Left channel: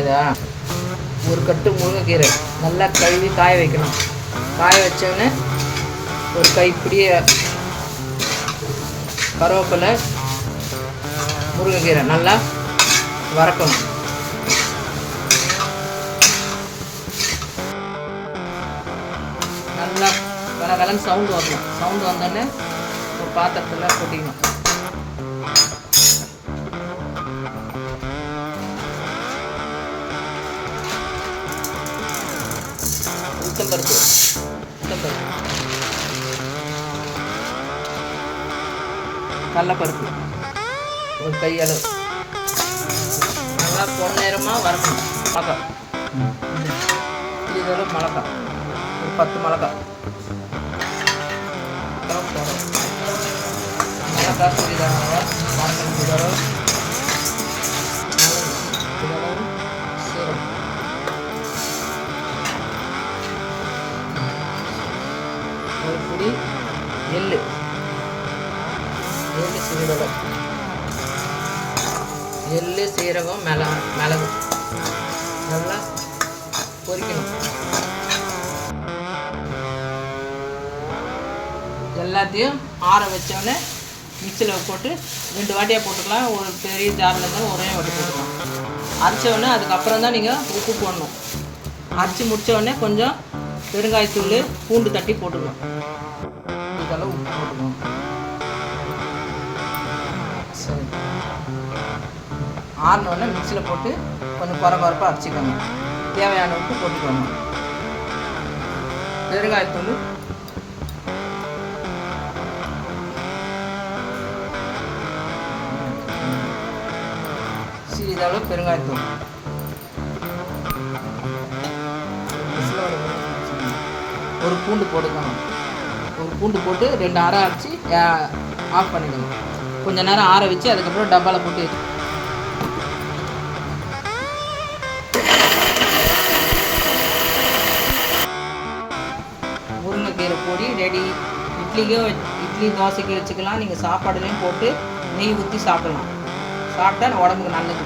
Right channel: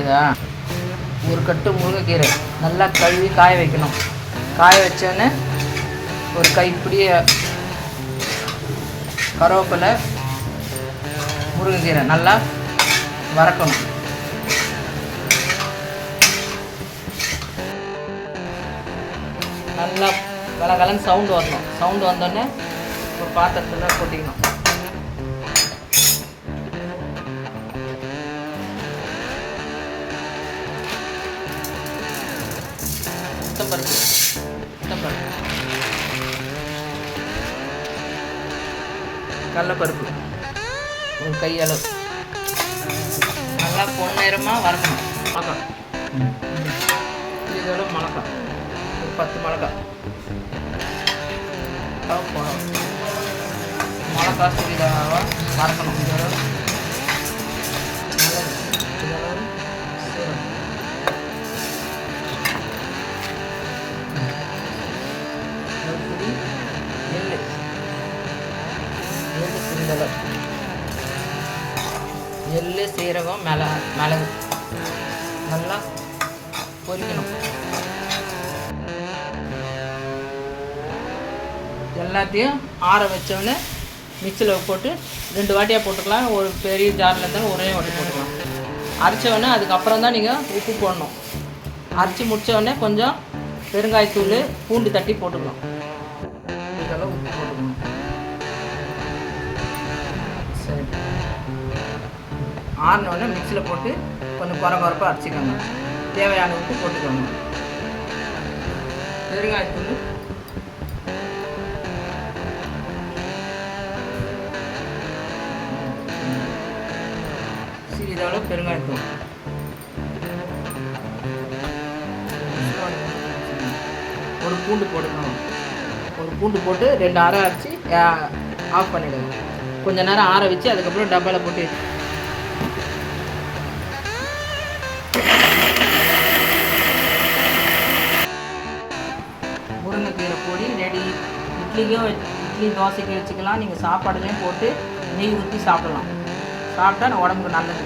இதா ஒரு கட்டு முருங்கைக்கீரை நல்லா கழுவி காய வைக்கணும். காய வச்சோன்னே ஒரு கைப்பிடி கருவேப்பிலை, முருங்கைக்கீரை நல்லா வறுக்கணும். நல்லா கலகலன்னு சவுண்டு வரணும். சவுண்டு வந்தோடனே ஒரு பாத்திரத்தில் கொட்டிக்கணும். உளுத்தம்பருப்பு கடலைப்பருப்பு ஒரு கையளவு நல்லா பொன்னேரமாக வறுக்கணும். மிளகாய் இதோட மிளகாய் ஒரு 10 மிளகாய் போடும். மிளகாய் சிறிதளவாக வறுக்கணும். இதோட சீரகம் ஒரு பிடி எள்ளு சிறிதளவு எள்ளு, சீரகம், மிளகு நல்லா பொரிக்கணும். எல்லாத்தையும் ஆற வச்சோடனே மிக்சியில் போட்டு 2 வாட்டியாக போட்டுக்கலாம். ஒரு பெரிய ஜாரில் இருந்தாலும் ஒரே வாட்டி போட்டுக்கலாம். அரைச்சோடனே அதுக்கப்புறம் தான் நீங்கள் உப்பு போடணும். அரைச்சி முடித்தோடனே கொஞ்சம் பெருங்காயத்தூள், பூண்டு தட்டி போட்டுக்கலாம். இதெல்லாம் உப்பு போட்டுக்கணும். சரி, ஆறினோடனே மிக்சியில் போட்டு கொஞ்சம் குறப்பாக அரைச்சிக்கோங்க. தேவையான உப்பு போட்டுக்கோங்க. பெருங்காயத்தூள், சிறிதளவு பெருங்காயத்தூள், ஒரு பூண்டு போட்டுக்கணும். ஒரு பூண்டு போட்டு 2 அரை அரைச்சி ஆஃப் பண்ணிவிடுங்க. கொஞ்சம் நேரம் ஆற வச்சு அதுக்கப்புறம் டப்பாவில் போட்டு முருங்கைக்கீரை பொடி ரெடி. இட்லி தோசைக்கு வச்சுக்கலாம். நீங்கள் சாப்பாடுலையும் போட்டு நெய் ஊற்றி சாப்பிடலாம். சாப்பிட்டா உடம்புக்கு நல்லது.